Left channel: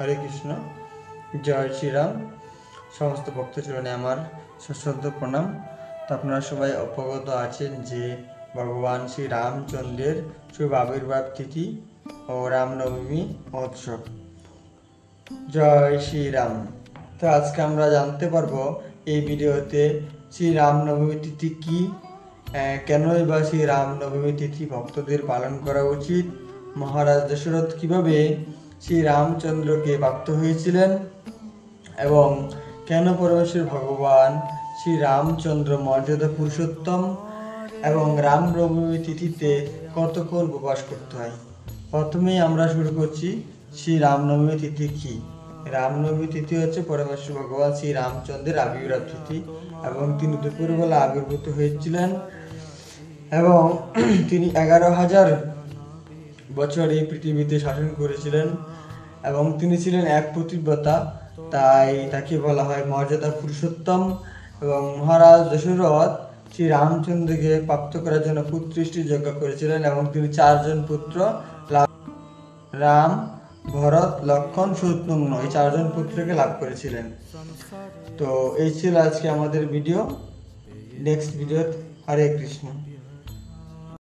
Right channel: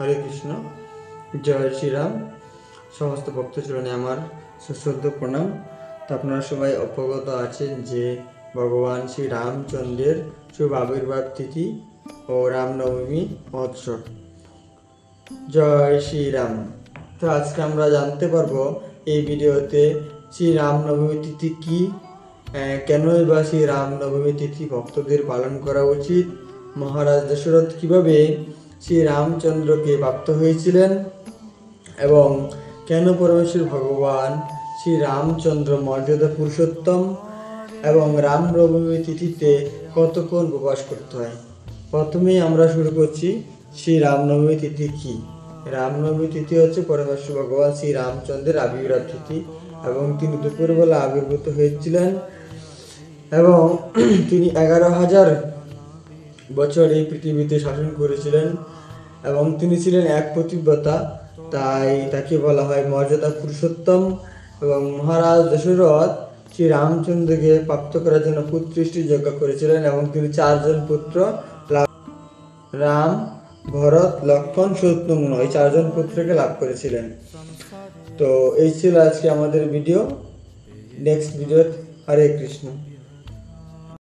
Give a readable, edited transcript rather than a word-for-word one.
হরে কৃষ্ণ। জয় শ্রীরাম। সমস্ত ভক্তচরণে আমার সশ্রদ্ধ প্রণাম। তো আপনারা সবাই অবগত আছেন যে ভগবান শ্রী রামচন্দ্রের শুভ আবির্ভাব তিথি ও রামনবমী মহোৎসব। জয় শ্রীরাম। তো আজকে আমরা জানতে পারবো এই ভিডিওতে শ্রী রামনবমী তিথি কি, কেনই বা শ্রী রামনবমী তিথি ভক্তদের পালন করা উচিত, মহারাজ দশরথ কিভাবে শ্রী রামচন্দ্রকে প্রাপ্ত হয়েছিলেন এবং কেন পরমেশ্বর ভগবান শ্রী রামচন্দ্র মর্যাদা পুরুষোত্তম এবং রামনবমী তিথিতে কতক্ষণ উপবাস করতে হয়। প্রথমেই আমরা শুরু করছি শ্রী রামনবমী তিথি কি। রামনবমী তিথি হচ্ছে পরমেশ্বর ভগবান শ্রী রামচন্দ্রের আবির্ভাব তিথি এবং তিনি দুপুরবেলা আবির্ভূত হয়েছিলেন এবং তিনি 11,000 বছর এই পৃথিবীতে শাসন করেছিলেন এবং তিনি ছিলেন এক পতিব্রতা, তাই তাকে বলা হয় মর্যাদা পুরুষোত্তম। এবং মহারাজ দশরথ শ্রী রামচন্দ্রকে প্রাপ্ত করার জন্য পুত্রষ্টি যজ্ঞ করেছিলেন এবং তিনি 4 জন পুত্র রাম, ভরত, লক্ষণ, শত্রুঘ্ন এই 4 জন পুত্রকে লাভ করেছিলেন। তো এই ছিল আজকে আমাদের video. Next video. Hare Krishna.